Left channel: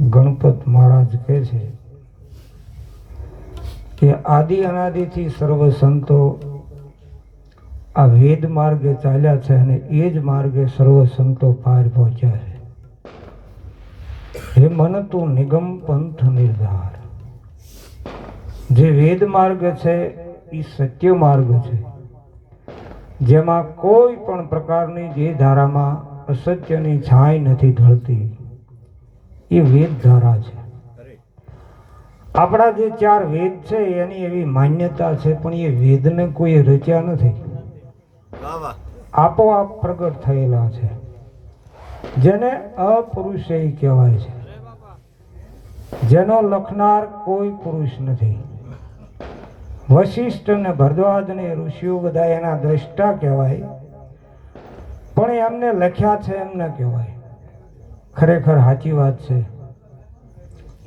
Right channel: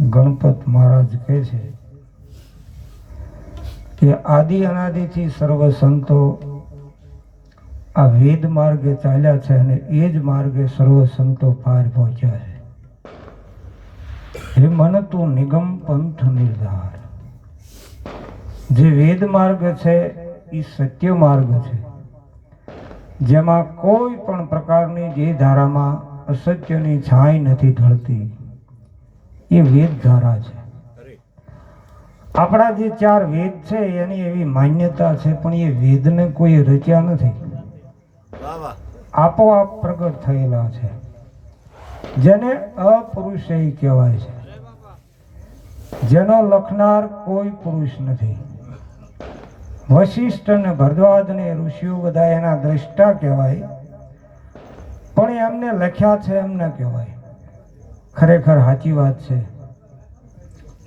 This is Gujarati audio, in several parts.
ગણપત મહારાજ કહે છે કે આદિ અનાદિથી સર્વ સંતો આ વેદ માર્ગે ચાલ્યા છે અને એ જ માર્ગે સર્વ સંતો પાર પહોંચ્યા છે. હે મન તું નિગમ પંથ નિર્ધાર. જે વેદ માર્ગ છે, એ સત્ય માર્ગ છે. જેમાં કોઈ પણ પ્રકારની જે ધારામાં અસત્યની છાંય નથી ઢળતી. એ વેદ ધારા છે. આપણા જે ચાર વેદ છે એની એવી માન્યતા છે પણ એ વેદને કોઈ રચ્યા નથી. આપોઆપ પ્રગટ થયેલા છે. જેને અપુરુષય કહેવાય છે. જેનો લખનાર કોઈ પુરુષ નથી. વશિષ્ઠ અને ભરદ્વાજ ને ઋષિઓ બધા એના દ્રષ્ટા કહેવાય. પણ એમને લખ્યા છે એમને કહેવાય. ખરેખર સાચી વાત છે.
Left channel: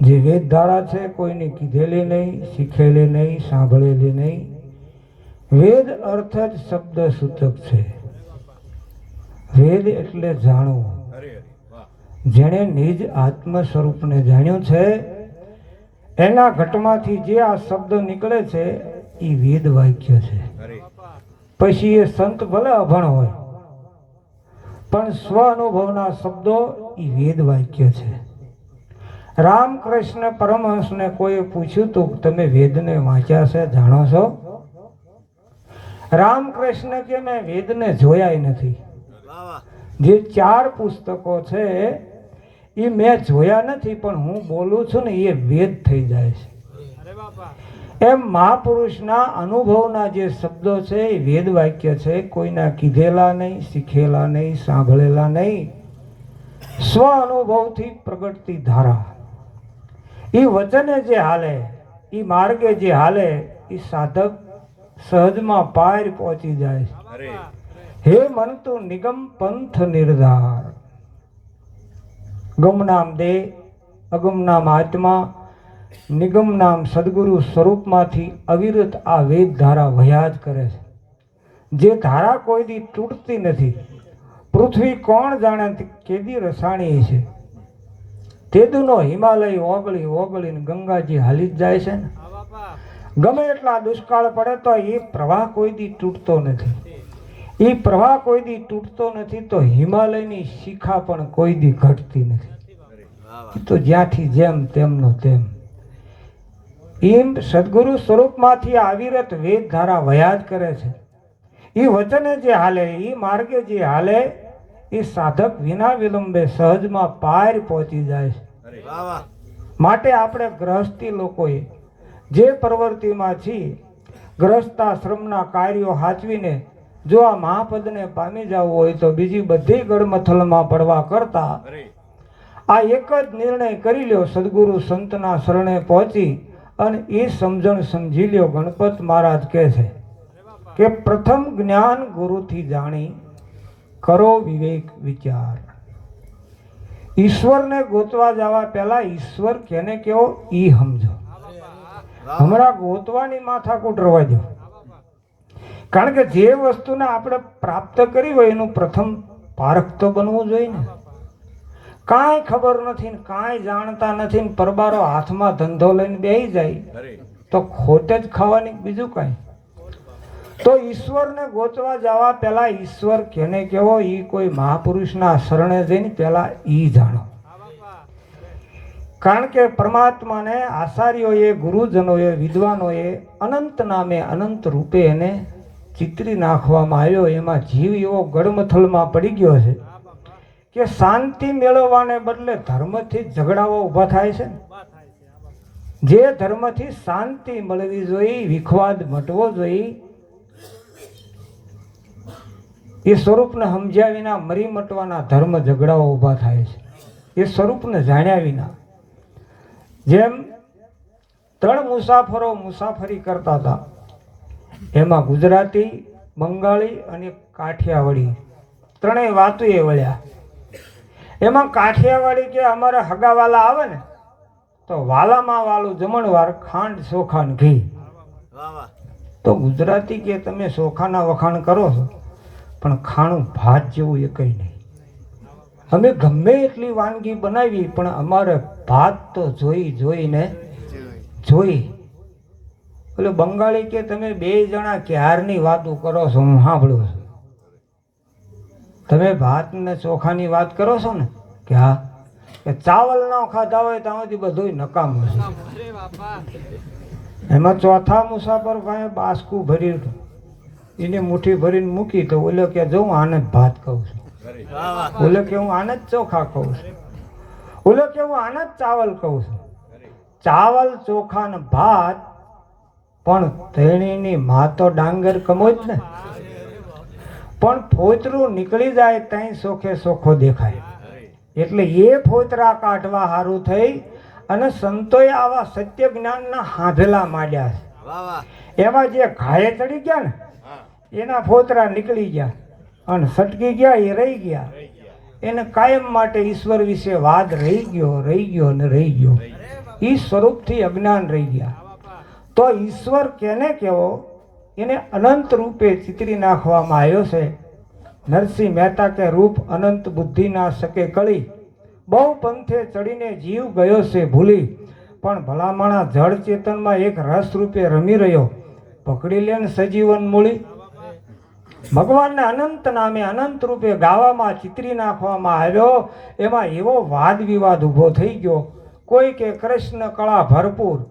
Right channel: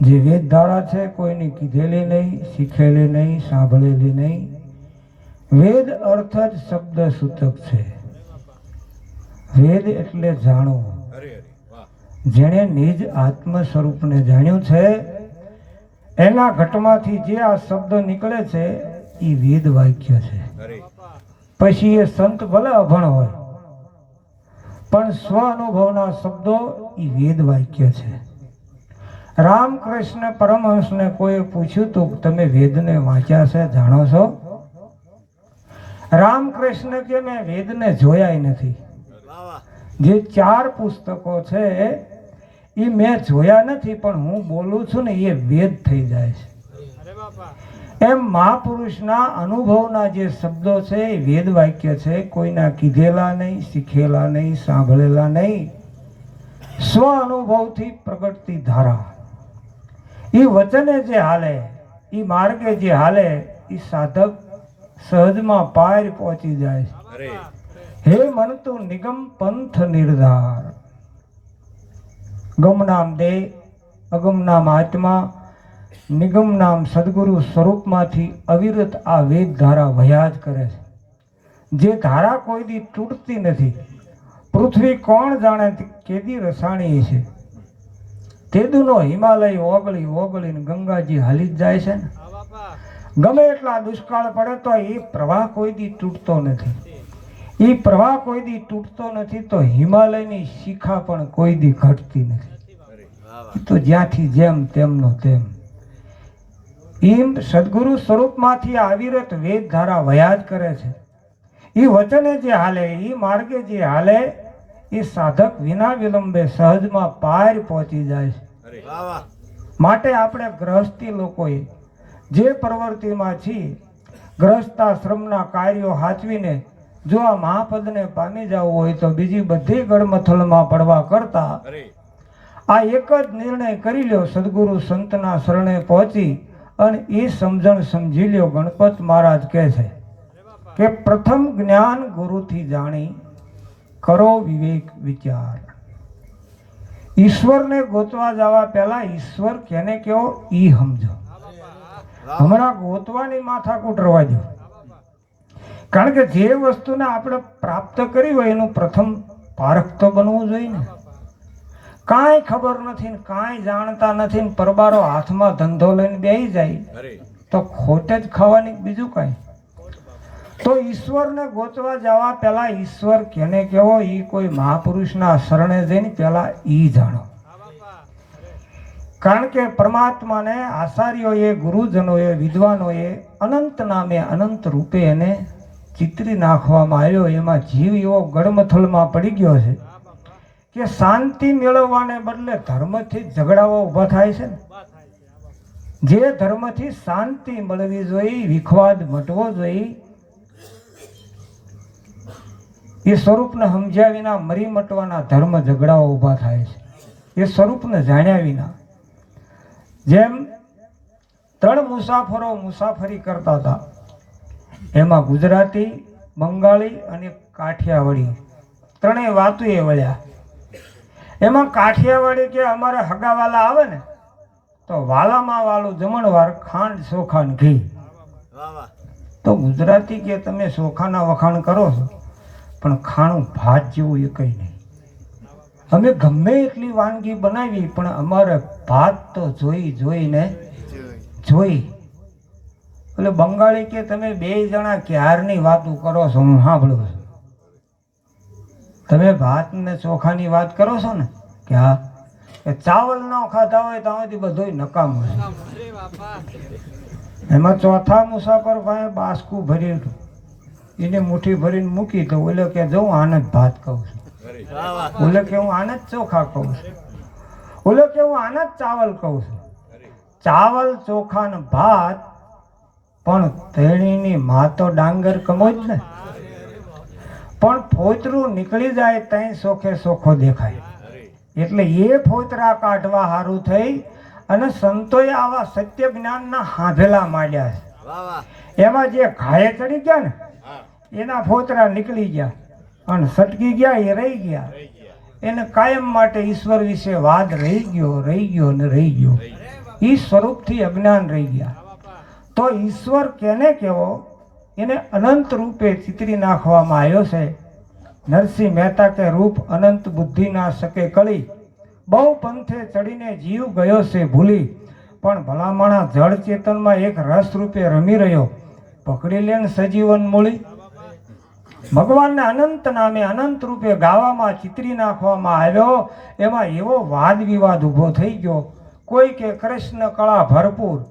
જે વેદ ધારા છે કોઈને કીધેલી નહીં શીખેલી નહીં સાંભળેલી નહીં. વેદ અર્થ જ શબ્દ સૂચક છે. વેદ એટલે જાણવું. જેણે નિજ આત્મ સ્વરૂપને જાણ્યું છે એના ઘટમાંથી જે આ શબ્દ નીકળે છે એ વેદ વાક્ય છે. પછી એ સંત ભલે અભણ હોય પણ સ્વ અનુભવના શબ્દો એ વેદ વાક્ય છે. રામકૃષ્ણ પરમહંસને કોઈ પૂછ્યું તો, તમે વેદને વાંચ્યા છે, જાણો છો? રામકૃષ્ણ કે, મેં વેદને જોયા નથી. જે ચાર પુસ્તકો છે એ મેં જોયા નથી, પણ હું બોલું છું ને એ વેદ થઈ જાય છે. એમ મહાપુરુષના અનુભવના જે શબ્દો છે એ વેદ વાક્ય છે કોઈના કીધેલા નહીં શીખેલા નહીં સાંભળેલા નહીં. સ્વ અનુભવથી પ્રગટતી ધારા. એ વચને જે હાલે એ માર્ગે જે હાલે એ સાધક સહજમાં પાર પહોંચી જાય. હે મન તું નિગમ પંથ નિર્ધાર. ગમ નામ દેહ અગમ નામ આત્મા નિગમ નામ સદગુરુ સ્વરૂપમાંથી અવિરત આ વેદ ધારા વહ્યા જ કરે છે. જે ધારા કોઈ દી તૂટતી નથી. પૃથ્વી કોણ જાણે કેદી રસાણી છે? તેદુનો હિમાલય ઓગળી ઓગળીને ગંગાજી હાલી જ જાય છે ને. ગમે એટલા દુષ્કાળ પડે તો એ પ્રવાહ કોઈ દી તૂટતો નથી. એ પ્રવાહ કોઈ દી તૂટતો નથી તો હિમાલયની શિખા પણ કોઈ દી ઘટતી નથી. તો જ્યાંથી જેમ તેમનો તેમ. એમ સદગુરુ સ્વરૂપમાંથી આવિરત વેદ ધારા વયા જ કરે છે. એ વચને જે હાલે એ માર્ગે જે હાલે એ સાધક વિના વિલંબે સહજમાં પાર પહોંચી જાય છે. અરે વાહ. વાહ માટે આપણે ગ્રહસ્થી લોકોએ જે પ્રવૃત્તિમાં છીએ ગ્રહસ્થાશ્રમના કાર્યો હાચવીને જો આ મહાપદને પામી જવું હોય તો બીજી બધી ગળમથલમાં પડવા કરતા આ એક જ નિર્ણય કરી લ્યો સદગુરુ સંતના શરણે પહોંચી અને એ સમજણ સમજી લ્યો, ગણપત મહારાજ કહે છે કે પ્રથમ જ્ઞાન ગુરુથી જાણી કરો વિવેક વિચાર. ઈશ્વરને ગોતવા જવા પહેલા ઈશ્વર કેને કેવો? ઈ સમજો. હમણાં ગોતવાની માથાકૂટ રવા દો. કારણ કે જે વસ્તુને આપણે પ્રાપ્ત કરી હોય એનું પ્રથમ પારખ તો બનવું જોઈએ ને. કાંઈ ખબર નથી ને કાંઈ જાણતા નથી ને પરબારો હાથમાં ધંધો લઈને બેહી જાય. તો ખોટે જ ખાવાની બીજું કાંઈ? તો ઈશ્વરને ગોતવા જવા પહેલા ઈશ્વર કેને કેવો? ઈ કોઈ મહાપુરુષના શરણે જઈને પહેલા ઈ જાણો. કારણ કે પરમાત્માને આચાર્યોએ ગુરુજનોએ વિદ્વાનોએ અનંત નામે અનંત રૂપે એને ચિતરી નાખવામાં આવ્યો. એમાં જીવ એવો ગડમથલમાં પડી ગયો છે. કે શાંતિ મેળવવાને બદલે ધર્મથી ઝઘડાઓ ઊભા થાય છે જે ધર્મથી શાંતિ મળવી જોઈએ વિખવાદ મટવો જોઈએ એ સ્વરૂપને સમજ્યા વિના મરી મટવાના ધર્મ ઝઘડાઓ ઊભા થાય છે. એ સ્વરૂપને જાણ્યા વિના. જેમ ત્રણ મુસાફરો મુસાફરી કરતા હતા એમાં ગુજરાતી બંગાળી અને કાઠિયાવાડી ત્રણેય વાતો એ વળ્યા. એમાં કાઠિયાવાડી કે અમારે હગાવાલા આવે ને, તો વાલામાં વાલું જમણવાર ખાંડ, ચોખા ઘી. તો ગુજરાતી કે તમે ચોખાના વખાણ કરો છો, પણ ખાણું ભાત જેવું એ કંઈ નહીં. અમે ગમે એટલી વાનગી બનાવી, પણ અમારે ભાત તો જોઈ, જોઈને જોઈ. એટલે બંગાળી કે તમે બે જણા ક્યારની વાતો કરો છો, હું સાંભળું છું. તમે ભાત ને ચોખાની વાત કરો છો ને, કે હા, કે ચાવલ ન ખાધા હોય તો આમાંથી બધું નકામું એમાં ચોથા મુસાફર પાસે બાસકું ભર્યું હતું. એને મુઠ્ઠી ભરીને મૂકી તો ઓલો કે જો હું આનંદ ભાત કહું છું. વાહ કે, હું આનંદ ચોખા કહું છું. ઓલો કે, હું આનંદ ચાવલ કહું છું. ચાવલ, ચોખા ભાત, પણ તેણીની મા તો ડાંગર કમો જ ને. પણ ફોતરું નીકળી જાય ત્યાં સોખે સોખો દેખાય. એટલે એ ફોતરા કાઢવા સારું થઈ અને સંતોએ આવા સત્ય જ્ઞાનના હાંધલા માંડ્યા. છે એમાં જે ઘાયે ચડી ગયા ને એના ફોતરા નીકળી ગયા અને સટકી ગયા એ રહી ગયા. એને કાયમ માટે ઈશ્વર વિશે વાદ રહી ગયો રહી ગયો ને રહી ગયો. એ સ્વરૂપથી અજ્ઞાન રહી ગયા. તો ઈશ્વર કેને કેવો? એને અનંત રૂપે ચિતરી નાખવામાં આવ્યો છે. નરસિંહ મહેતા કે રૂપ અનંત બુદ્ધિ ના શકે કળી બહુ પંથે ચડીને જીવ ગયો છે ભૂલી. પણ ભલામણા જળ ચેતનમાં એક રસ રૂપે રમી રહ્યો. પકડી લેન સજીવન મૂળી. ભગવાનના અનંત નામે અનંત રૂપે ગાવામાં ચિતરી નાખવામાં આવ્યો. એમાં એવો વાદ વિવાદ ઊભો થઈ ગયો. કોઈ કે કૃષ્ણ કળા ભરપૂર.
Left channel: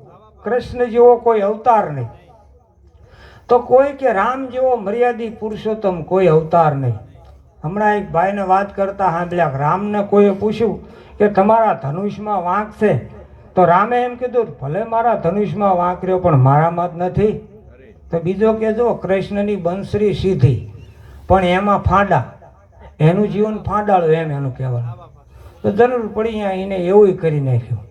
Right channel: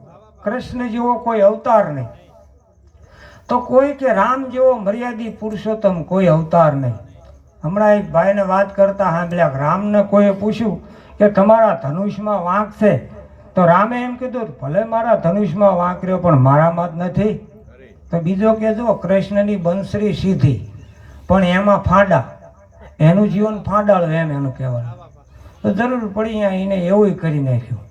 કૃષ્ણ જેવો કોઈ અવતાર નહીં. તો કોઈ કે રામ જેવો મર્યાદિત પુરુષોત્તમ કોઈ અવતાર નહીં. હમણાં એક ભાઈને વાત કરતા સાંભળ્યા રામને કોઈએ પૂછ્યું કે તમારા ધનુષમાં વાંક છે? તો રામે એમ કીધું, ભલે મારા ધનુષમાં વાંક રહ્યો, પણ મારામાં જ નથી. તો બીજો કે, જો કૃષ્ણની બંસરી સીધી, પણ એમાં ફાંડા. એનું જીવન ફાંડાળું એમ એનું કહેવાનું. તો જરૂર પડી અહીંયા એને એવું કરી નાખ્યું.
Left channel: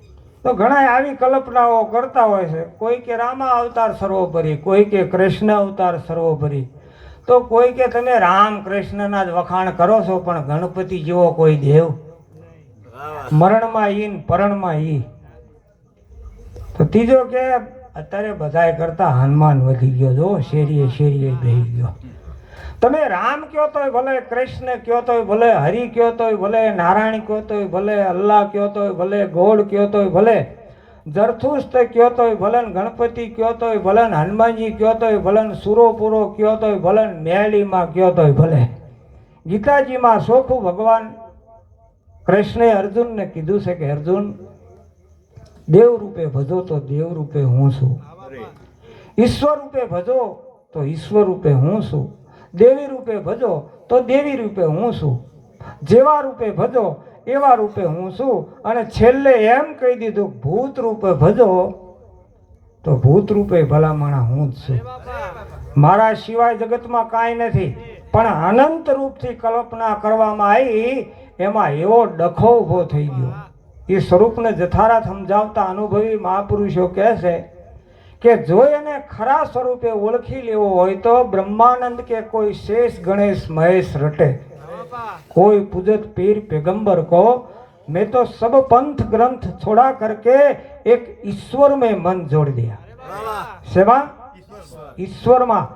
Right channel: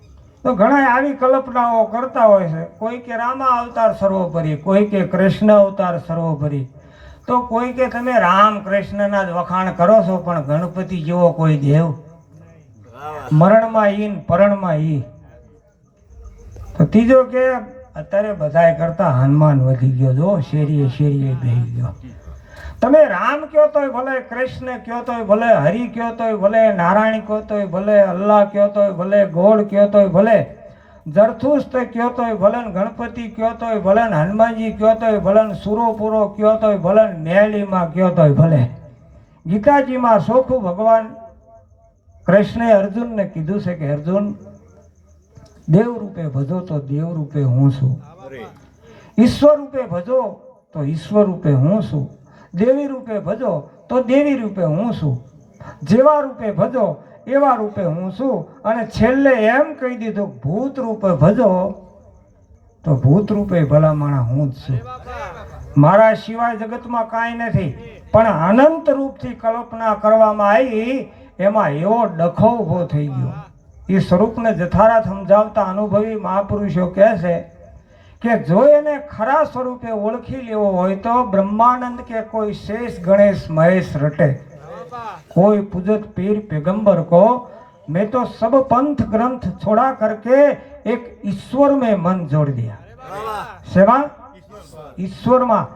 તો ઘણા આવી કલ્પનાઓ કરતા હોય છે. કોઈ કે રામા અવતાર સર્વોપરી, કોઈ કે કૃષ્ણ અવતાર સર્વોપરી. તો કોઈ કે તમે રામ કૃષ્ણના જ વખાણ કરો છો, પણ ગણપતિ જેવો કોઈ દેવ? મરણમાં ઈ ને પરણમાં ઈ. તો ત્રીજો કે, અત્યારે બધાય કરતા હનુમાન વધી ગયો, જો શેરીએ શેરીએ બેહી ગયો. તમે રામ કયો તોય ભલે કૃષ્ણ કયો તોય ભલે હરિ કયો તોય ભલે નારાયણ કયો તોય ભલે અલ્લાહ કયો તોય ભલે ગોળ કયો તોય ભલે જરથુસ્ત કયો તોય ભલે ગણપતિ કયો તોય ભલે હનુમાનજી કયો તોય ભલે ને સુરોપુરો કયો તોય ભલે ને મેલીમાં કયો તોય ભલે ગીતાજીમાં સોખું ભગવાન કૃષ્ણે અર્જુનને કીધું છે કે અર્જુન દેવ રૂપે ભજો તો દેવ રૂપે હું છું ઈશ્વર રૂપે ભજો તો ઈશ્વર રૂપે હું છું દેવી રૂપે ભજો તો દેવી રૂપે હું છું. જેવા રૂપે ભજો, એવા રૂપે હું છું. અને છેલ્લે એમ કહી દીધું, ભૂત રૂપે ભજો તો ભૂત રૂપે ભલામણા હું જ છું. મારા સિવાય જગતમાં કાંઈ નથી, પણ અનંત રૂપથી કલ્પના કરવામાં આવી, એમાં એવો ડખો ઊભો થઈ ગયો. એ સ્વરૂપને જથારા સમજાવતા અનુભવી મહાપુરુષો કહે છે કે જો એને ખરા સ્વરૂપે ઓળખી લેવો હોય તો બ્રહ્માનંદ કે કોઈ શેષ ગણેશ મહેશ રટે कोई पूजत पीर पैगंबर को मैं तो सब पंथ ग्रंथ छोड़ा करके एक ईश्वर में मन जोड़ दिया વાહ વાહ सेवा ઈશ્વર માં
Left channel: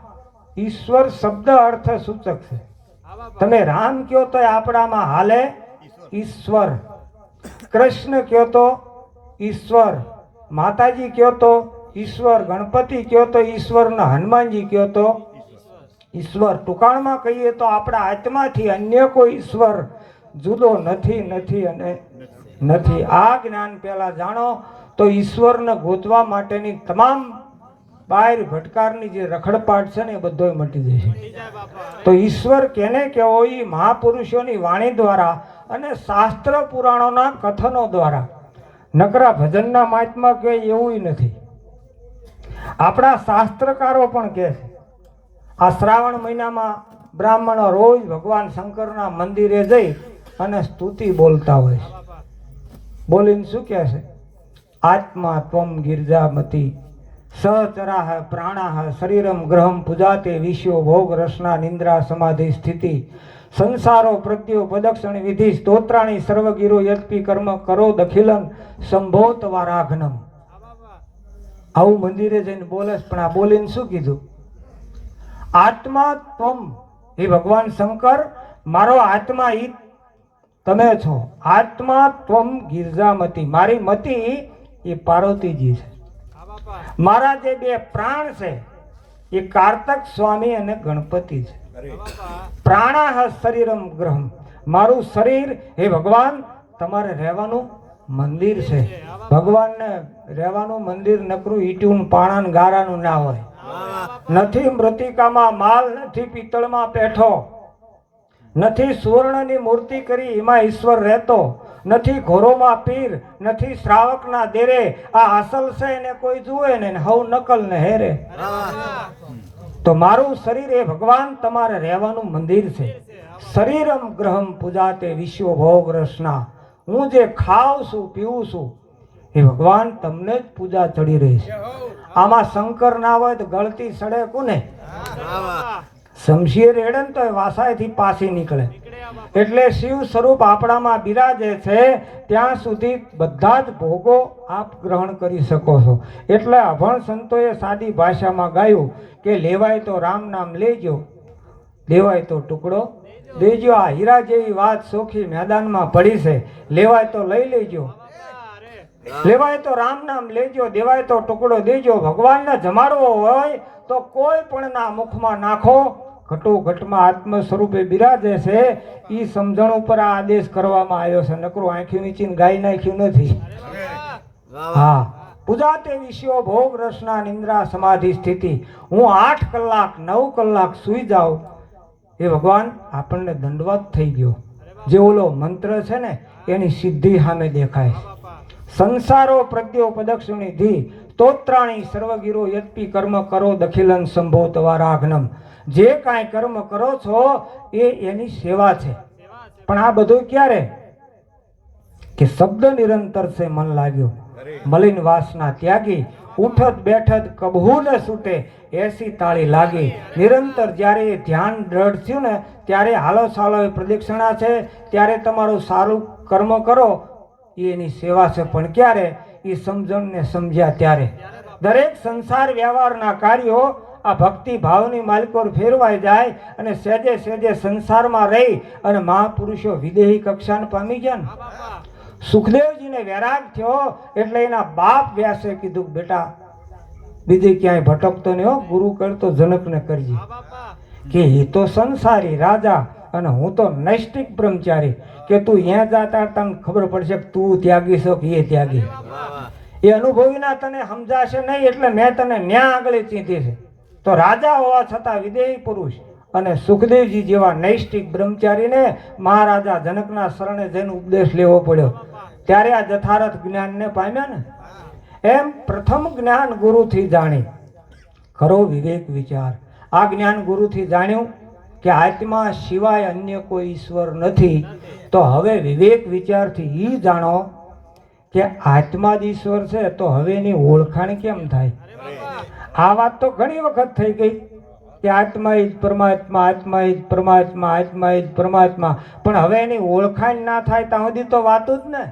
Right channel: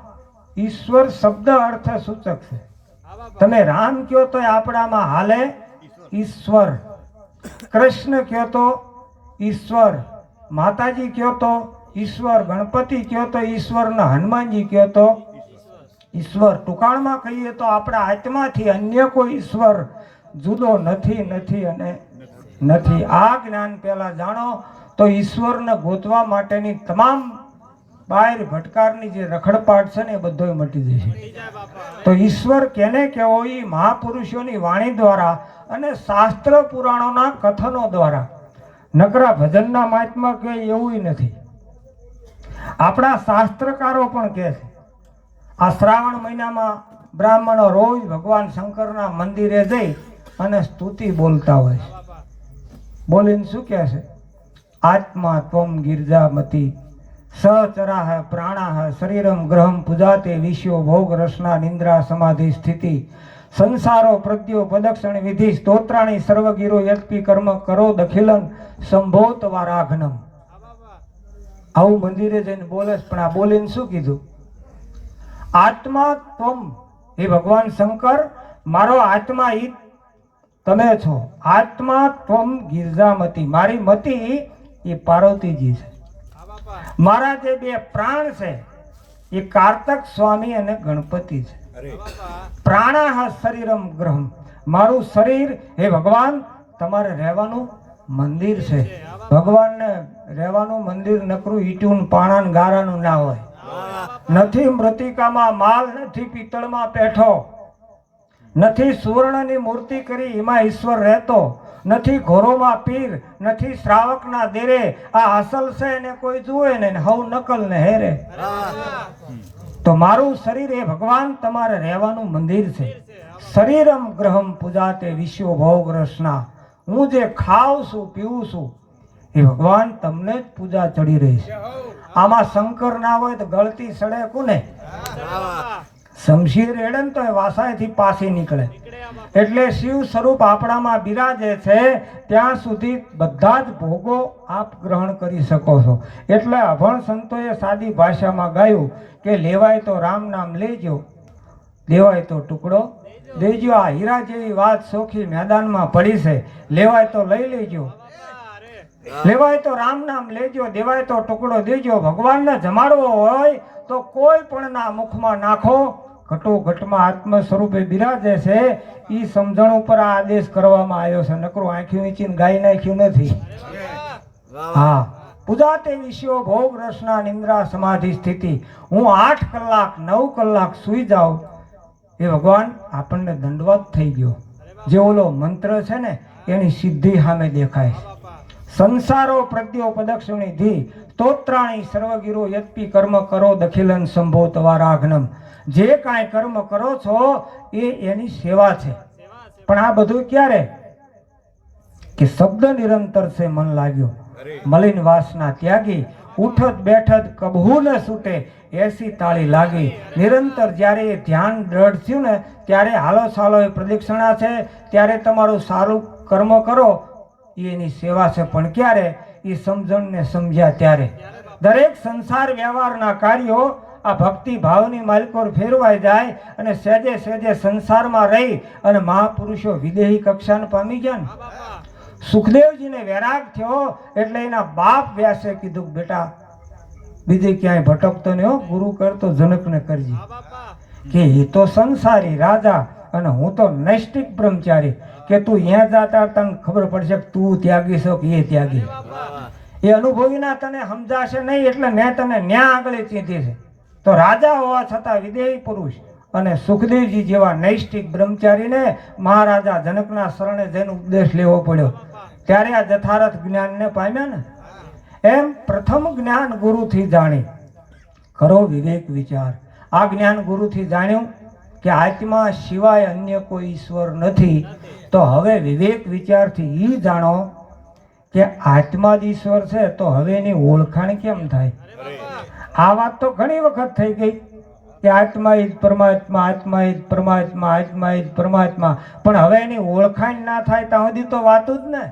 ઈશ્વર શબ્દ અર્થ સૂચક છે તમે રામ કયો તો આપણામાં હાલે ઈશ્વર કૃષ્ણ કયો તો ઈશ્વર માતાજી કયો તો ઈશ્વર ગણપતિ કયો તો ઈશ્વર ને હનુમાનજી કયો તો ઈશ્વર. ટૂંકાણમાં કહીએ તો આપણા આત્માથી અન્ય કોઈ ઈશ્વર જુદો નથી નથી અને નથી. આ જ્ઞાન પહેલા જાણો તો ઈશ્વરને ગોતવા માટેની તમામ બાર ભટકારની જે રખડપાટ છે ને એ બધોય મટી જશે તો ઈશ્વર કેને કહેવો? એ મહાપુરુષોની વાણી દ્વારા અને શાસ્ત્ર પુરાણોના કથનો દ્વારા. નકરા ભજનના મહાત્મા કહે એવું નથી. આપણા શાસ્ત્રકારો પણ કહે છે, આ શ્રાવણ મહિનામાં બ્રાહ્મણો રોજ ભગવાન શંકરના મંદિરે જઈ અને સ્તુતિ બોલતા હોય છે. બોલીને શું કહે છે? આત્મા ત્વમ ગિરજામતી સચરાહ પ્રાણાહ શરીરમ ગ્રહમ પૂજાતે વિશ્યો ભોગ રસના નિંદ્રા સમાધિ સ્થિતિ સંસારો પ્રત્યો પ્રદક્ષિણ વિધિ સ્તોત્રાણી સર્વગીરો યત્પી કર્મ કરો દખિલન સંભોત વારાઘનમ આવું મંદિરે જઈને બોલે પણ આ બોલીને શું કીધું? આત્મા તમ એ ભગવાન શંકર મારો આત્મા ઈ તમે છો. આત્મા ત્વમ ગિરજામતી. મારી મતી એ પાર્વતીજી છે. મારા જે બે પ્રાણ છે એ કાર્તક સ્વામી અને ગણપતિ છે. પ્રાણાહ શરીરમ ગ્રહમ. મારું શરીર હે ભગવાન તમારે રહેવાનું મંદિર છે. ભગવાનને રહેવાનું મંદિર નકરું ઈટું પાણાન ગારાનું ના હોય. નથી મૃતિકામાં માલ, નથી પિત્તળમાં પેઠો. નથી સુવર્ણની મૂર્તિ કરી એમાં ઈશ્વર રહેતો. નથી ઘોરોમાં પીર, નથી શ્રાવકના દેરે. આ અસલ છે એને કોઈ જુએ ને હવ નકલ ને હેરે. તો મારું શરીર એ ભગવાન તમારે રહેવાનું મંદિર છે. શરીરમ ગ્રહમ પૂજાતે વિશ્વ ભોગ રસના. હું જે ખાઉં છું, પીવું છું, એ ભગવાન તમને જ પૂજા ચડી રહી છે. આમાં શંકર ના હોય તો ગળતી સડે કોને? શમશીર એડન તો એ વાસાયથી પાછી નીકળે. એટલે શિવ સ્વરૂપ આપણામાં બિરાજે છે, ત્યાં સુધી બધા જ ભોગો આપ ગ્રહણ કરી શકો છો. એટલે અભણ સંતોએ સાદી ભાષામાં ગાયું કે લેવાય તો રામ નામ લેજો દેવાય તો ટુકડો દેજો આ હીરા જેવી વાત સોખી મેદાનમાં પડી છે, લેવાય તો લઈ લેજો. લેવાય તો રામ નામ લેજો, દેવાય તો ટુકડો દેજો. ભગવાનને જમાડવો હોય તો કોઈ પણ ના મુખમાં નાખો. ઘટો ઘટમાં આત્મ સ્વરૂપે બિરાજે છે. એ સમજણ ઉપર આ આદેશ કરવામાં આવ્યો છે. નકરું આંખી વીંચીને ગાઈ નાખ્યું નથી. હા. પૂજા તે વિષયો ભોગ રસના નિંદ્રા સમાધિ સ્થિતિ. હું આઠ કલાક, નવ કલાક સુઈ જાઉં. એ ભગવાન આપણને દંડવત થઈ ગયો. જે ઓલો મંત્ર છે ને એની સિદ્ધિ સામે દેખાય છે. સંસારો પ્રત્યો પદક્ષિણી સ્તોત્રાણી સર્વગીરો યત્પી કર્મ કરો દખિલન સંભો તવારાઘ્નમ જે કાંઈ કર્મ કરો છો એ એની સેવા છે. પણ આ બધું ક્યારે? કે શબ્દ નિરંતર છે મન લાગ્યું. મલિન વાસના ત્યાગી ઉઠત બેઠત કબહું ન છૂટે એસી તાળી લાગી. નિરંતર જ્યારે એ ધ્યાન દ્રઢ થયું ને, ત્યારે હાલો સાલો એ પ્રદક્ષિણા છે, ત્યારે તમારું સારું કર્મ કરો. એની સેવા છે, પણ ક્યારે? એ સમજણને સમજ્યા ત્યારે. દરેક સંસાર વ્યવહારના કાર્યો, આ ભક્તિ ભાવની માલિકોર ફેરવાઈ જાય અને સહેજે સહેજે સંસારમાં રહી અને મહાપુરુષો વિદેહી કક્ષાને પામી ને. સુખદેવજીને વૈરાગ થયો એટલે એના બાપ વ્યાસે કીધું, બેટા, બીજે ક્યાંય ભટકતો નહીં ગુરુ કરતો જનકને કરજી. કે એ તો સંસારી રાજા અને હું તો નૈષ્ટિક બ્રહ્મચારી. કે તું અહીંયા જાતા તને ખબર પડશે કે તું ત્યાગી છો કે એ ત્યાગી. એ અનુભવીના તને સમજાશે નહીં એટલે મેં તને ન્યા આગળ ચીંધી છે. તો રાજા હોવા છતાં વિદેહી પુરુષ. અને સુખદેવજી જેવા નૈષ્ઠિક બ્રહ્મચારીને મહારાજા જનકના શરણે જઈને ઉપદેશ લેવો પડ્યો. ત્યારે આ જથારથ જ્ઞાનને પામ્યા ને? એમ પ્રથમ જ્ઞાન ગુરુથી જાણી. ખરો વિવેક વિચાર. આ જ્ઞાન ગુરુથી જાણ્યું કે આત્મા સિવાય અન્ય કોઈ ઈશ્વર નથી. તો હવે વિવેક વિચારથી એ જાણો કે આત્મા જ ઈશ્વર છે, તો હવે એની ઓળખાણ કેમ થાય? આ વાત તો ઘણી વખત થઈ ગઈ. કે આત્મા એ જ પરમાત્મા, આત્મા એ જ પરમાત્મા, આત્મા જ પરમાત્મા. પણ હવે એની ઓળખાણ ના થાય ત્યાં સુધી તો વાતું જ ને.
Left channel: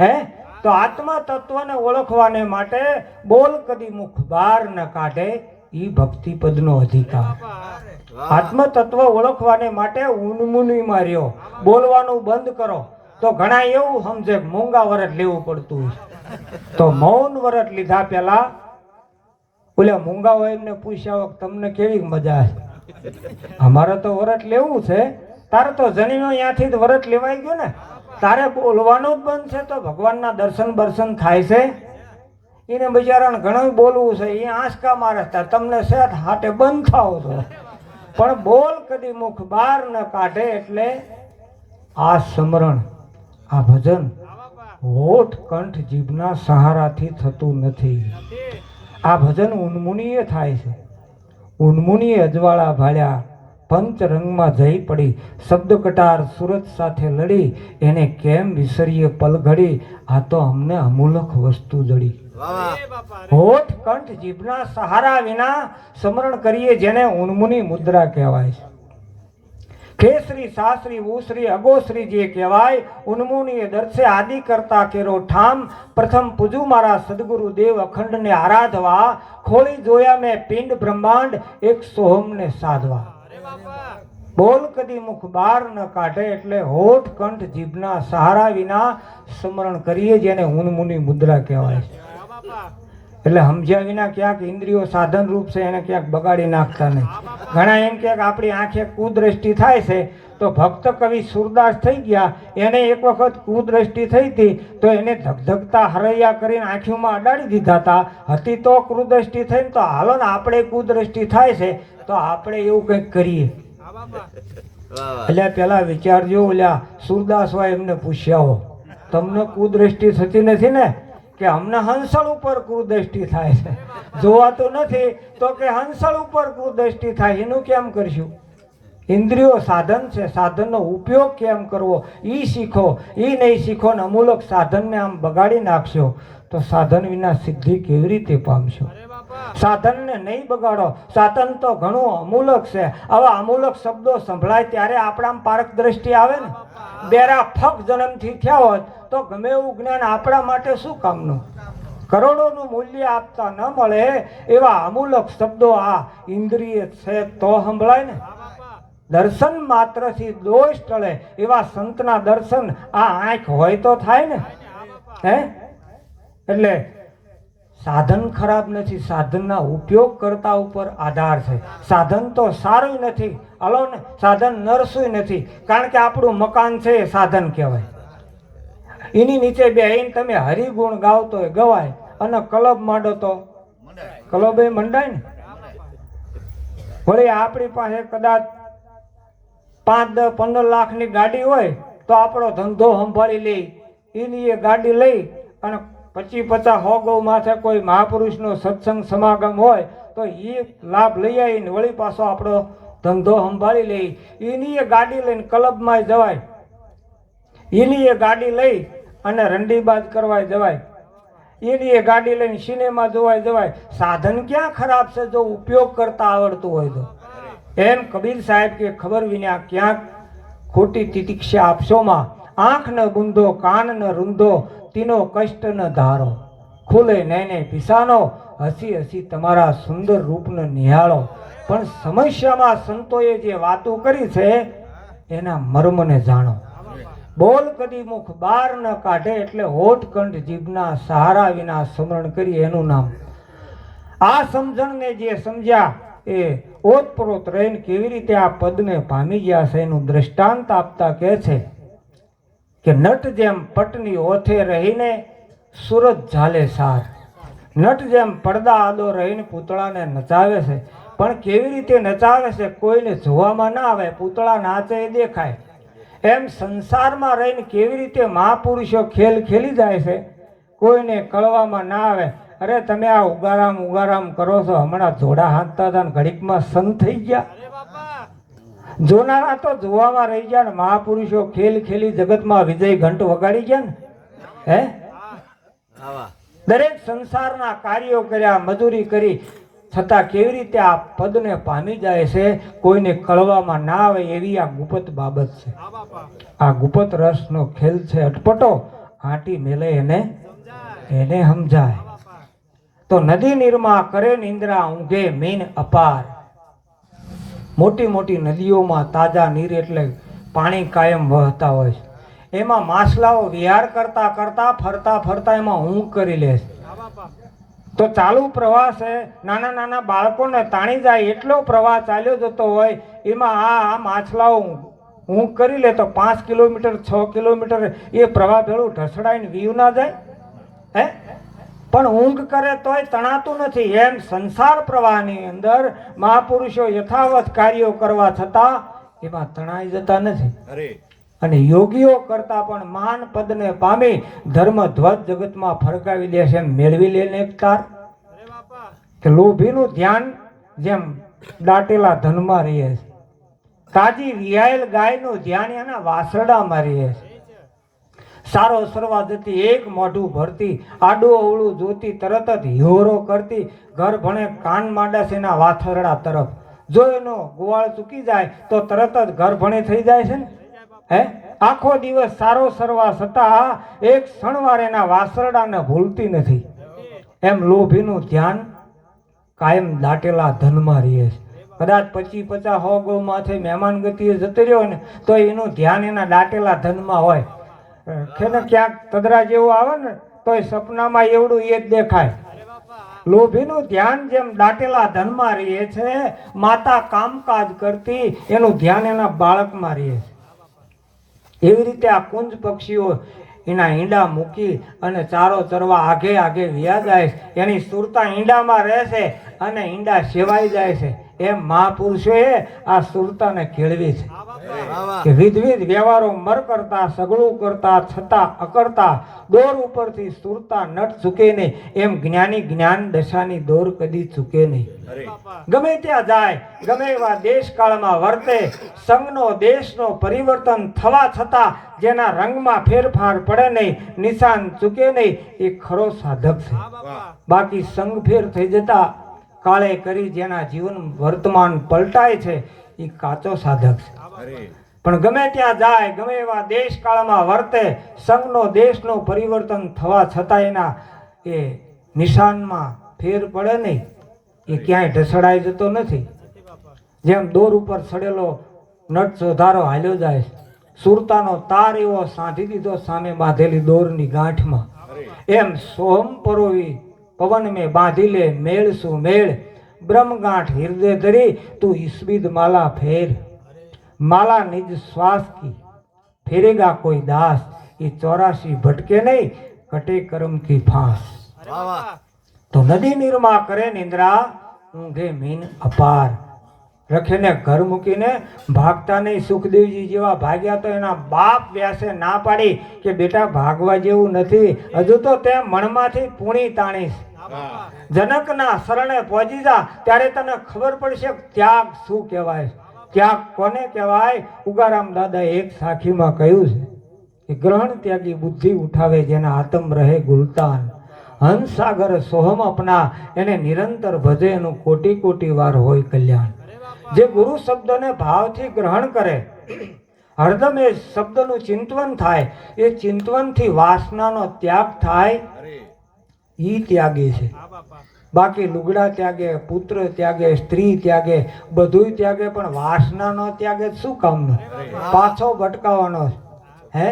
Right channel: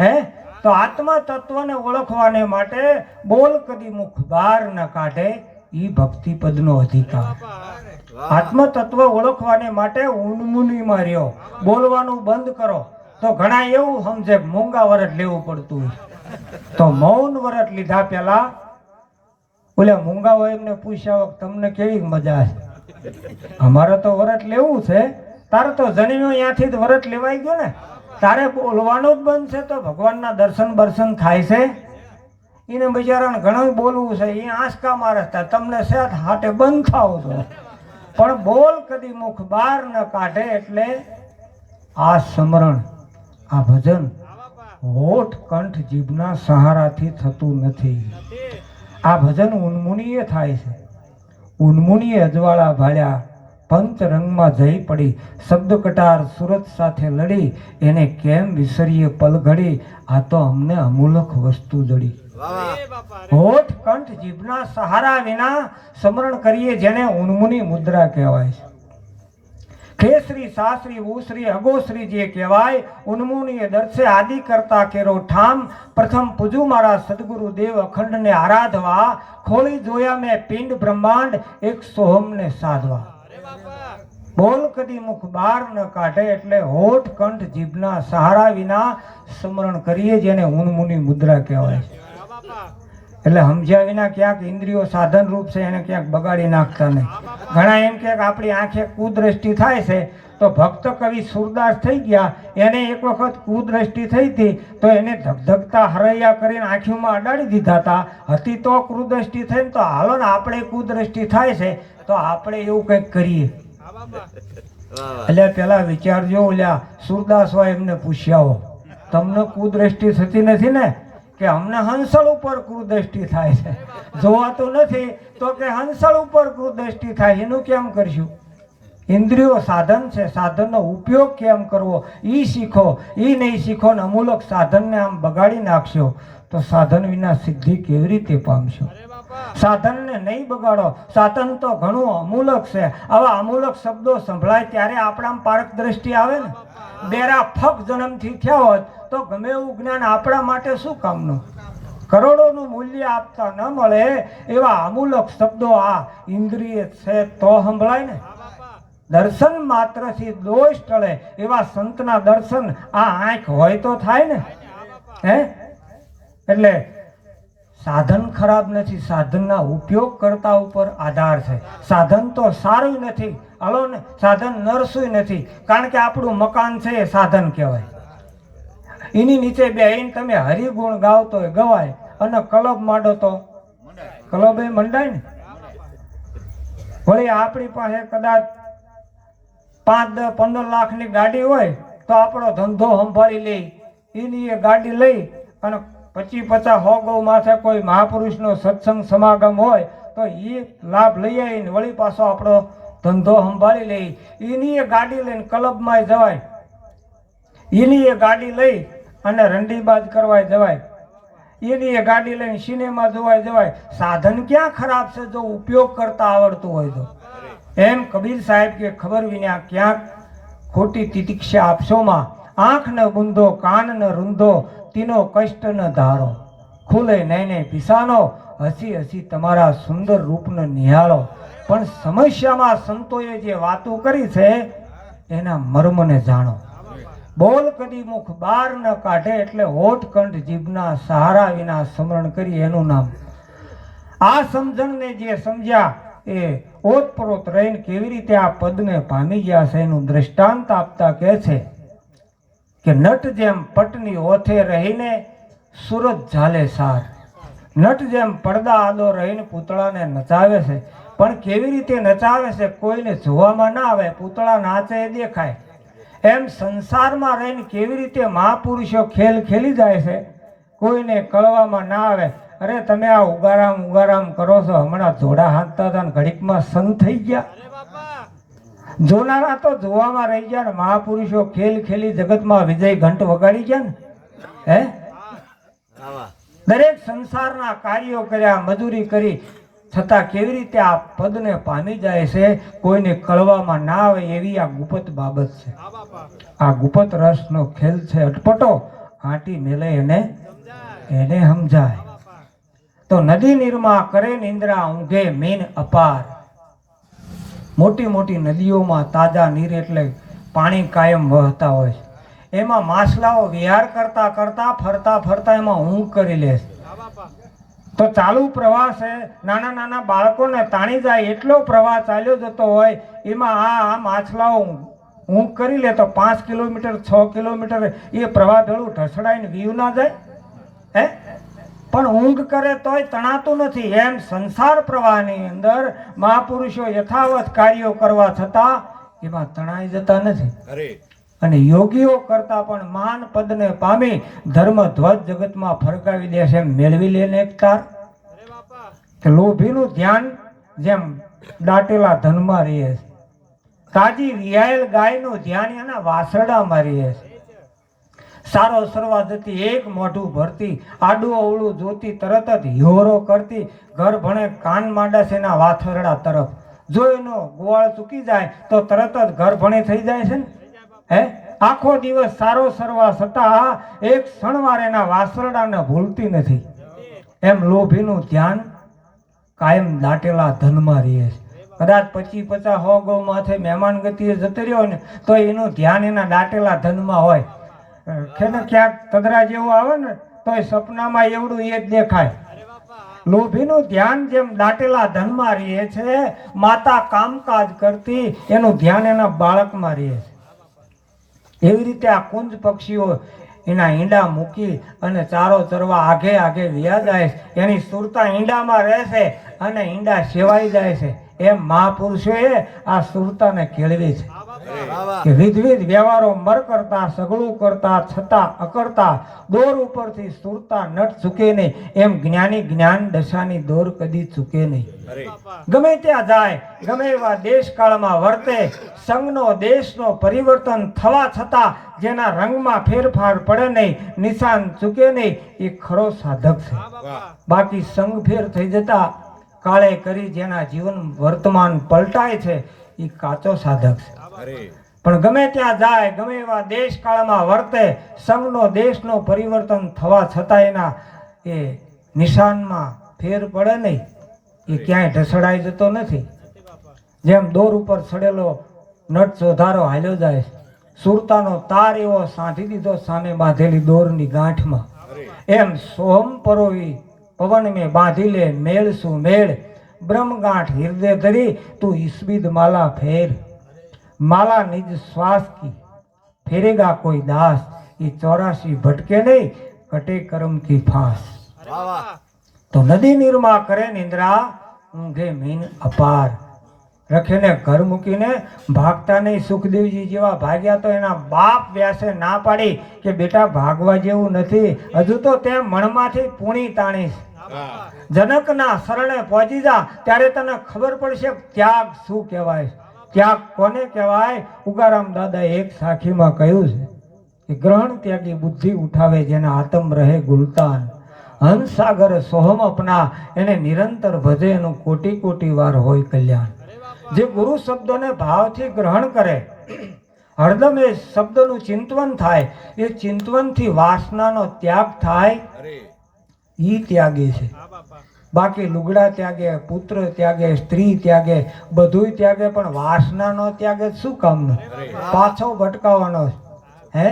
હે? તો આત્મા તત્વને ઓળખવાને માટે બોલ કદી મુખ બહાર ન કાઢે ઈ ભક્તિ પદનો અધિકાર. આત્મ તત્વ ઓળખવાને માટે ઉનમુની માર્યો. બોલવાનું બંધ કરો. તો ઘણા એવું સમજે મૂંગા વરત લેવું પડતું તો મૌન વરત લીધા પેલા ઓલા મૂંગા હોય એમને પૂછ્યા તમને કેવી મજા છે? અમારે તો વરત લેવું છે. તારે તો જણીનો ત્યાંથી જ વરત લેવાઈ ગયો ને. તારે બોલવાનું જ બંધ છે તો ભગવાનના દર્શન બર્શન થાય છે. એને બિચારાને ઘણું બોલવું છે. એ આંસકા મારે તમને સેત હાટે બંધ થાવ છો. પણ બોલ કદી મુખ બહાર ન કાઢે એટલે આ સ્મરણ, આ ભજન, હોઠ કંઠ જીભના સહારાથી થતું નથી. આ ભજન ઉન્મુનીય થાય છે. ઉન્મુનીએ અજવાળા ભાળ્યા પંચ રંગમાં જઈ પડી શબ્દ કટાર સુરત સાથે લડી, એને કેમ વિસરીએ પલઘડી? આ તો અમને અમૂલક વસ્તુ જડી. હોઠ કંઠ જીભના સહારા વિના સ્મરણ કરીએ, જેને ઉન્મુની મુદ્રા કહેવાય છે. ખેસરી સાસરી, ઉસરી, અગોસરી જે કહેવાય, ઉન્મુનીએ દર્શે આદિ કરતા કેરો ઠામ, પ્રથમ પૂજુ મારા સદગુરુ દેવ અખંડને આરાધવા ખોલી જોયા મેં પિંડ બ્રહ્માંડ, એક સોહમને સાધવા. બોલ કદી મુખ બહાર ન કાઢે એટલે હોઠ કંઠ જીભના સહારા વિના સ્મરણ કરીએ જેને ઉન્મુની મુદ્રા કહેવાય. છે એટલે સમજ્યા વિના ક્યાંક ઇન્દ્રિયો સાધન રૂપ છે, એને ક્યાંક બગાડી નાખતા નહીં. ઘણા એમ કે આપણી આંખે કુદ્રષ્ટિ થાય છે, તો ભક્ત કવિ સુરદાસ થઈ ગયા, એને એક વખત કુદ્રષ્ટિ થઈ હતી, તો એને ધગધગતા હરૈયા કરીને આંખીમાં અડાડી દીધા હતા. હતી તો કુદ્રષ્ટિ થઈ ને તો હાલો ને આપણે કુદ્રષ્ટિ થાય છે, તો આપણે એવું કંઈક કરીએ. એટલે પેલા વિચારજો ઓલ્યા સુરદાસ હોય એમને પૂછ્યા હો તમને કુદ્રષ્ટિ થતી નથી ને? કે અમને હંસળ ઉપર કુદ્રષ્ટિ થાય છે. જોવાતું નથી તો કે હંસળ ઉપર કુદ્રષ્ટિ થાય, એનું કેમ કરશું? ઇન્દ્રિયો સાધન છે, સાધનનો ઉપયોગ કેમ કરવો? એ શીખો એ નહીં શીખો ને અમૂલક સાધનને આમ બગાડી નાખશો તો સાધન વિના સિદ્ધિ કેવી રીતે પામશો? સાધનને નહીં બગાડો. સાધન તો ઘણું અમૂલક છે. આવા અમૂલક શબ્દો સંભળાય ત્યારે આપણા પારક દ્રષ્ટિ આવે ને. બેરા ફક જન્મથી થયા હોત તો ગમે એવું જ્ઞાન આપણા માટે શું કામનું? કરોડોનું મૂલ્ય આપતા ન મળે એવા અમૂલક શબ્દો આ ઇન્દ્રિય છે તો સંભળાય ને. દર્શન માત્રથી દોષ ટળે એવા સંતના દર્શન આ આંખ હોય તો થાય ને. હે? એટલે સાધન ખરાબ નથી, સાધનના ઉપયોગ કરતા ઉપર આધાર છે. સાધન તો સારું નથી, હલો ને, સાધન નરસું નથી, કારણ કે આપણું મકાન છે એ સાધન કહેવાય. એની નીચે બેહીને તમે હરિગુણ ગાવ તો ગવાય, અને કલબ માંડો તો? કલબ એ મંડાય ને? વળી આપણી પાસે કદાચ પાંચ દસ પંદર લાખની ગાડી હોય, તો આપણો ધંધો સંભાળી લે. એની એ ગાડી લઈ અને પચીસ પચાસ હો ગૌ માથે કોઈ મહાપુરુષનો સત્સંગ સમાગમ હોય, તો એ લાભ લઈ આવીને વળી પાછો આપણો ધંધો સંભાળી લે. એની એ ગાડી લઈને ક્લબમાં જવાય. એની એ ગાડી લઈ અને રંડીબાજ કરવા જવાય. એની એ ગાડી લઈને સિનેમા જોવાય જવાય. સાધન ક્યાં ખરાબ છે જો ઉપયોગ કરતા આવડતું હોય તો? એમ કબીર સાહેબ કે ખબર વિના ક્યાંક ખોટી તિતિક્ષા આપશોમાં. આંખ ન બુંદો કાન ન રૂંધો તીનો કષ્ટ ન ધારો. ખુલે નહીં પિસાનો, હસી હસી તમારા સુંદર રૂપને નિહાળો. પણ સમસ્યામાં સંતોએ જે વાતો કરી છે, એના મર્મને જાણો. બોલ કદી મુખ બહાર ન કાઢે એટલે હોઠકંઠ જીભના સહારા વિના સ્મરણ કરી એનું નામ. આ સમજણને જે સમજ્યા, એ ઓતપ્રોત રહીને કેવી રીતે આ પદને પામી ગયા છે એનું દ્રષ્ટાંત આપતા કહે છે. કે નટ જેમ પટની ઓથે રહીને સુરત ઝાલે સાર. નટ જેમ પડદા આદો રહીને પૂતળાને નચાવે છે. પણ કેવી રીતે નચાવે છે કોઈને જોવામાં ના આવે, પૂતળા નાચે દેખાય. એમ સંસારમાં રહીને કેવી રીતે મહાપુરુષો ખેલ ખેલી જાય છે કોઈને કળવામાં ના આવે. અરે તમે આ ઉગારામ ઉગારામ કરો છો, હમણાં જોડા હાંકતા હતા ઘડીકમાં સંત થઈ ગયા. જોનારા તો જોવામાં રહી ગયા ને મહાપુરુષો ખેલ ખેલી જગતમાં વિજય ઘંટ વગાડી ગયા ને? હે? દરેક સંસારના કાર્યો કર્યા મજૂરી કરી. છતાં કેવી રીતે આ પદને પામી જાય છે કોઈને કળવામાં ના આવે એવી આ ગુપત બાબત છે. આ ગુપત રસનો ખેલ છે અટપટો. આંટી મેલે એને એને સમજાય. તો નદી નિર્મા કરે નિંદ્રા ઊંઘે મીન અપાર. મોટી મોટી નદીઓમાં તાજા નીર એટલે પાણી કાયમ વહતા હોય છે. એમાં માછલાઓ વિહાર કરતા કરતા ફરતા ફરતા એમાં ઊંઘ કરી લે છે. તો ચાલુ પ્રવાહ છે નાના નાના બાળકોને તાણી જાય એટલો પ્રવાહ ચાલ્યો જતો હોય, એમાં આ આ માછલાઓ ઊંઘ કરી લે તો પાંચ કિલોમીટર, છ કિલોમીટર એ પ્રવાહ ભેળું ઢસડાઈને વીવ ના જાય. હે? પણ ઊંઘ કરે તોય તણાતું નથી. એમ સંસાર પ્રવાહની અંદર મહાપુરુષો યથાવત કાર્યો કરવા છતાં એમાં તણાઈ જતા નથી. અને યોગીઓ કરતા પણ મહાન પદને પામી ધર્મ ધ્વજ જગતમાં ફરકાવી દે છે. એમ મેળવી લે ને એક તાર. કે લોભીનું ધ્યાન જેમ દાટેલા ધનમાં રહીએ છે તાજી રિયાયેલ ગાયનું ધ્યાન એના વાસરડામાં રહીએ છે. સારો સરવા જતી એક મોઢું ભરતી, આડું અવળું જોતી, તરત જ હિહોરો કરતી, ઘર ભણે કાન માંડા છે એના વાથરડા તરફ. જો એનો ગોવાળ ચૂકી જાય, તો તરત જ ઘર ભણે થઈ જાય છે ને? હે? આખો દિવસ સારો સરવા છતાં એક ક્ષણવાર એના વાસરડાને ભૂલતી નથી. એમ લોભીનું ધ્યાન કાયમ દાટેલા ધનમાં રહીએ છે. કદાચ પચી પચાસ હો ગૌ માથે મહેમાન ગતિએ જતો રહ્યો ને, તો એનું ધ્યાન એના દાટેલા ધનમાં હોય. કે ક્યાંક તદરા જેવું આવે ને તો એ સપનામાં એવડું એ જ દેખાય. લોભીનું ધ્યાન જેમ દાટેલા ધનમાં રહે છે માતા કામકાજ કરતી એનું ધ્યાન એના બાળકમાં રહે છે. એવી રીતે આ કુંજ પક્ષીઓ એના ઈંડા મૂકી અને ચારો ચરવા આગે આગે વ્યા જાય છે. એની સુરતા ઈંડામાં રહેશે અને ઈંડા સેવાઈ જાય છે. એમ મહાપુરુષોએ આ સુરતાને કેળવી છે. કે વિધવિધ વ્યવહારો મર કરતા સગળું કરતા છતાં અકર્તા દોર ઉપરથી સુરતા નટ ચૂકે નહીં. એમ જ્ઞાની જ્ઞાન દશાની દોર કદી ચૂકે નહીં. ગમે ત્યાં જાય ગમે એવા દેશકાળમાં વર્તે સંઘનો દેશનો પરિવર્તન થવા છતાં જેના રંગમાં ફેરફાર પડે નહીં નિશાન ચૂકે નહીં એ ખરો સાધક છે. બાકી સંઘ ફેર થઈ જતા કાળે કરી જેના જીવન વર્તમાન પલટાય છે એ કાચો સાધક છે. પણ ગમે ત્યાં જાય ગમે એવા દેશ કાળમાં વર્તે સંઘનો દેશનો પરિવર્તન થવા છતાં એના એ નિશાનમાં ફેર પડે નહીં. એ ક્યાંય ઢસડાઈ જતો નથી. જેમ દોર ઉપર સડેલો નટ ચોધારો હાલ્યો જાય સુરતાનો તાર એવો સાંધી દીધો સામે બાંધેલી દોરની ગાંઠમાં. એમ સોહમ પરોવી પવન મેં બાંધી લે મેળ શું મેળ? બ્રહ્મગાંઠ હૃદય ધરી તું ઈસ્વિદ માલા ફેર. માલા નિજ શ્વાસ કી. ફેરેગા કોઈ દાસ. એ ચોરાશી ભટકે નહીં કટે કરમ કી ફાંસ. તો નદી નિર્મા કરે નિંદ્રા ઊંઘે મીન અપાર. રખેને ઘર મૂકીને ભાગતા નહીં સુખદેવજી જેવા ભાગ્યા તો એના બાપ વ્યાસે ના પાડી કે બેટા ભાગવા જેવું નથી. હજુ તો તે મણમાંથી પૂણી તાણીશ. જનકના શરણે પહોંચી જા, ત્યારે તને ખબર પડશે ત્યાગ શું કહેવાય. ત્યાગ કોને કહેવાય? ઉગારામ દાદા એક સાખીમાં કહ્યું છે કે ગ્રહણ ત્યાગી બુદ્ધિ ઉઠાવે જેના આતમ રહે ગુલતાન. હંસાગર સોહમ અપના, એને નિરંતર ભજે એનું કોટી કોટી વાર હોય કલ્યાણ. જે ગુરુ શબ્દને ભાવથી ગ્રહણ કરે, હરદમ એ શબ્દનું ચિંતવન થાય, એ ચિંતવનથી વાસનાનો ત્યાગ થાય. ઈ ત્યાગે છે. બાકી લુગડા ત્યાગે પુત્ર ત્યાગે સ્ત્રી ત્યાગે બધું ત્યાગે પણ વાસનાનો ત્યાગે શું કામનો? પાછો ભટકાવાનો હે?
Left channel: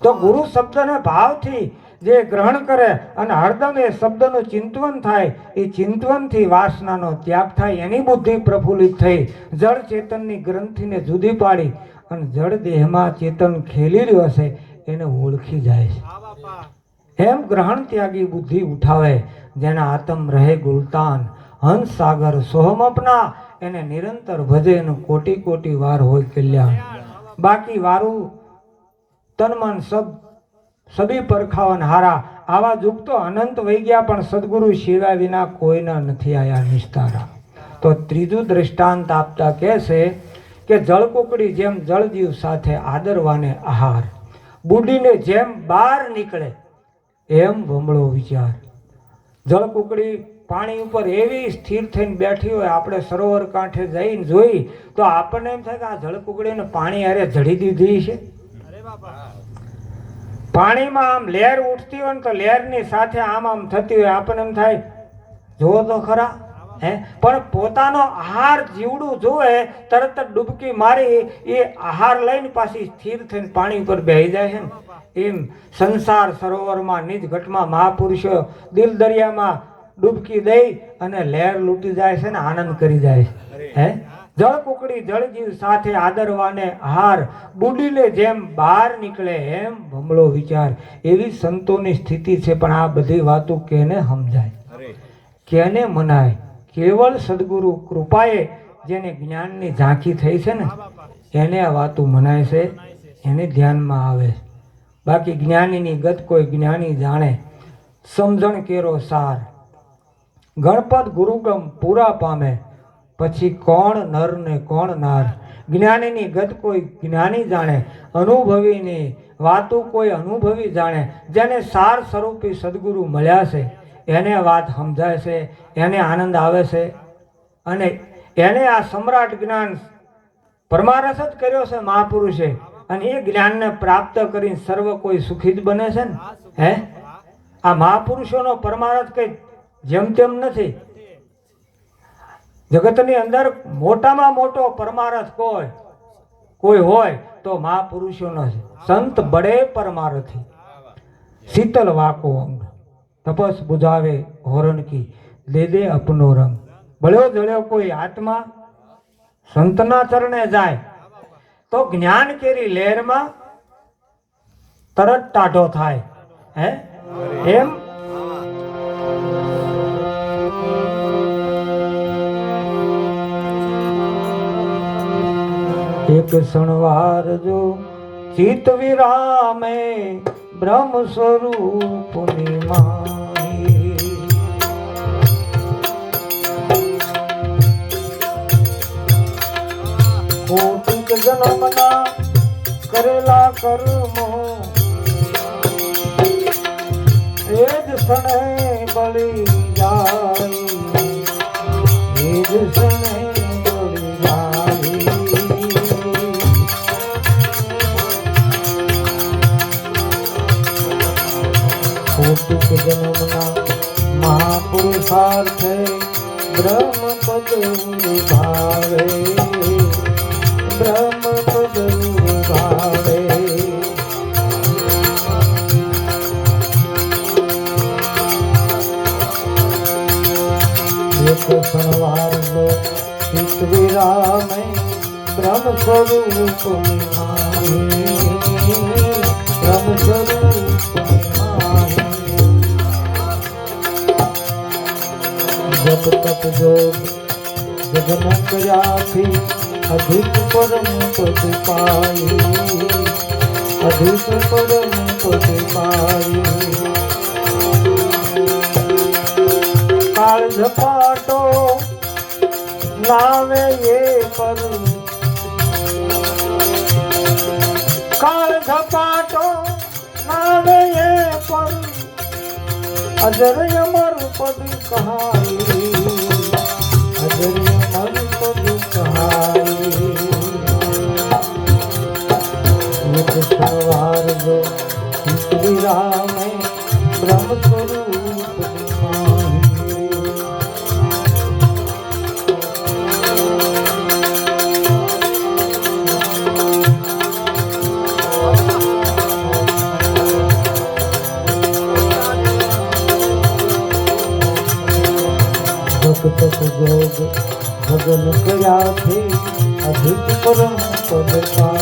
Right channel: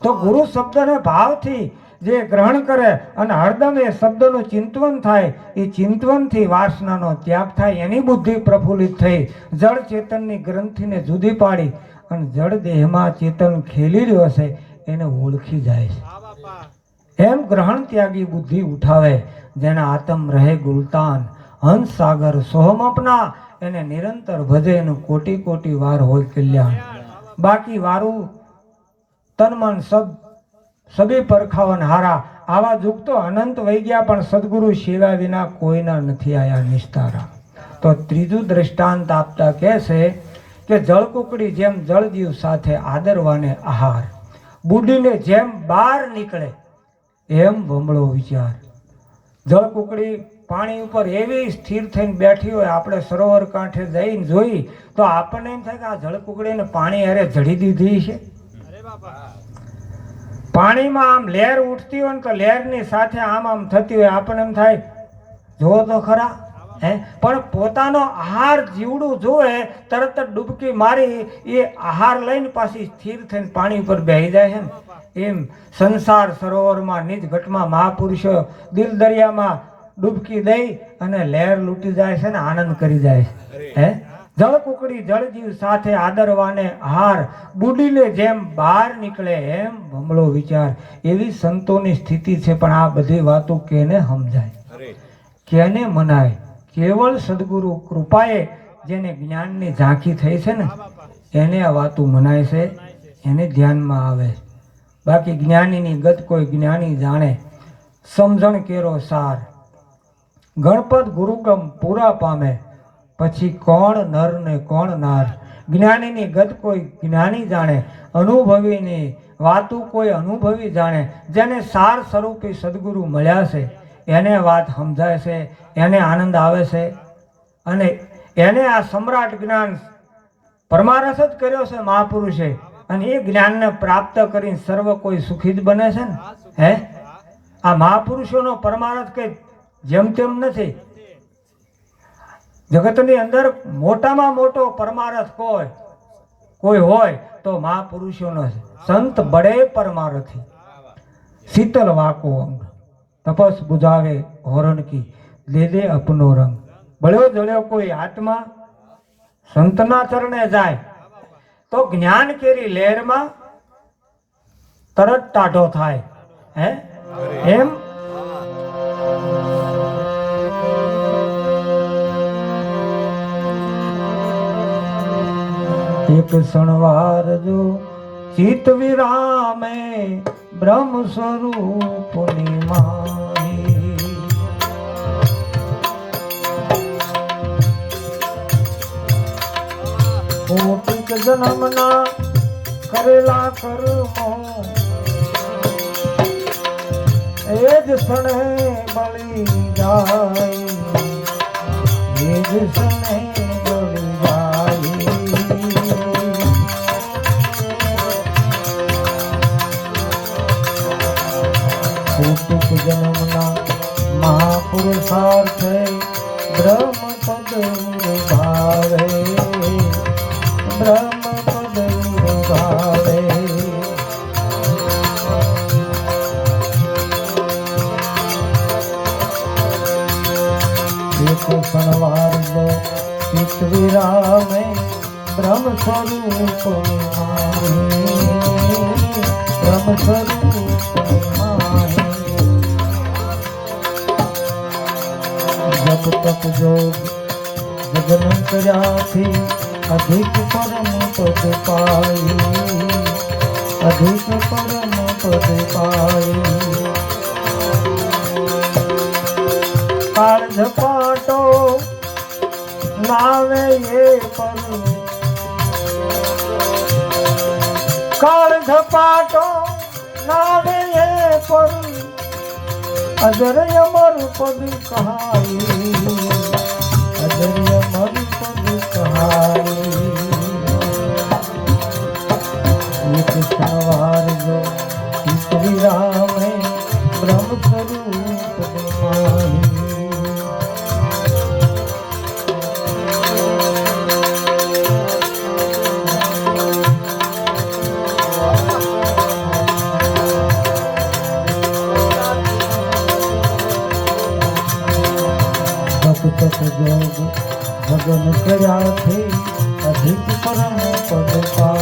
તો ગુરુ શબ્દને ભાવથી જે ગ્રહણ કરે અને હરદમ એ શબ્દનું ચિંતવન થાય એ ચિંતવનથી વાસનાનો ત્યાગ થાય એની બુદ્ધિ પ્રફુલ્લિત થઈ જળ ચેતનની ગ્રંથિને જુદી પાડી અને જળ દેહમાં ચેતન ખેલી રહ્યો છે એને ઓળખી જાય છે. એમ ગ્રહણ ત્યાગી બુદ્ધિ ઉઠાવે, જેના આતમ રહે ગુલતાન. હંસ સાગર સોહમ અપના, એને નિરંતર ભજે એનું કોટી કોટી વાર હોય કલ્યાણ. બાકી વારું તન મન સબ સભી પરખાવન હારા. આવા જુગ તો અનંત વહી ગયા, પણ સદગુરુ સિવાય વિના કોઈના નથી આયા નિસ્તારા. તો ત્રીજું દ્રષ્ટાંત આપતા કહે છે કે જળકુકડી જેમ જળજીવ સાથે આદરવાને આહાર. બુડીને જેમ બહાર નીકળે એમ ભમળો વિચાર. જળકુકડી પાણી ઉપર એવી સ્થિર થઈને બેઠી હોય, આપણે સરોવર કાંઠે જઈને જોઈ, તો આપણને એમ થાય કે આ જળકુકડીને પાણી હારે જડી દીધી છે. અરે પાણીમાં આમ લહેર ઉઠતી હોય ને તો લહેરની સાથે આમ આમ થતી હોય, આપણને એમ થાય, જુઓ તો ખરા હે? પણ પોતાનો આહાર જીવડું જોવે તરત જ ડૂબકી મારી એ આહાર લઈને પાછી સ્થિર થઈને પાણી ઉપર બેહી જાય છે ને? એમ સંસાર સરોવરમાં નિજ ઘટમાં મહાપુરુષો દિલ દરિયામાં ડૂબકી દઈ અને લહેર લૂંટી જાય છે ને આનંદ કરી જાય છે. હે? જળ કુકડી જળજીવ સાથે આદરવાને હાર બુડીને જેમ બહાર નીકળે એમ ભમળો વિચાર. એવી સંતોની સ્થિતિ છે પણ આ બધી વાતો કેને સમજાય? કેને મનાય? કેવળ સદગુરુ કૃપાએ જેને જ્ઞાનની ઝાંખી થઈ છે ને, એને આ વાતું મનાય છે, એને ધ્યાનમાં આવે. બાકી જ્ઞાનીની ગત કોઈ જ્ઞાની જાણે. સમજણ કેરો સાર. ગણપત ગુરુગમ પૂરા પામે. પછી કોણ નર ને કોણ નાર? જ્ઞાનીની ગત કોઈ જ્ઞાની જાણે. અનુભવીની વાતું કોઈ અનુભવી જાણે. જેને સાર સ્વરૂપી સદગુરુ મળ્યા છે. એને વાત સમજાય છે, એને આનંદ આવે છે અને એને આ સમ્રાટ જ્ઞાન પરમારસ જ કર્યો છે મહાપુરુષે અને એ જ્ઞાનને પ્રાપ્ત કરીને સર્વ કોઈ સુખી જ બને છે ને? હે? આ મહાપુરુષોનો પરમારથ કંઈ જેમ તેમ નથી. જગતની અંદર મોટામાં મોટો પરમારથ કોઈ કોઈ હોય તો મહાપુરુષોનો સંત બળે પરમારથી. શીતલ વાકો અંગ તપસ બુજાવે હોરણ કી. દે દે અપનો રંગ. બળ્યો જળ્યો કોઈ આત્મા સંતના ચરણે જાય, તો જ્ઞાન કેરી લહેરમાં તરત ટાઢો થાય. હે? એમ? એક સણવાર જો ચિત વિરામે બ્રહ્મ સ્વરૂપ માહી ભૌતિક જન્મના કરેલા કર્મો. એ જ ક્ષણે બળી જાય. એ જ ક્ષણે ભૌતિક જન્મના મહાપુરુષાર્થે બ્રહ્મ ભાવે બ્રહ્મ સ્વરૂપ માહી. બ્રહ્મ સ્વરૂપ માહી. જપ તપ જોગ જગન કર્યાથી અધિક પરમ પદ પાઈ અધિક પરમ પદ પાઈ કાળ ઝપાટો નામે એ કાળ ઝપાટો નામે એ પર. અજર અમર પદ કહાઈ અજર અમર પદ કહાઈ એક સવાર જો શ્રી ભજન કર્યાથી અધિક પરમ પદ પાઈ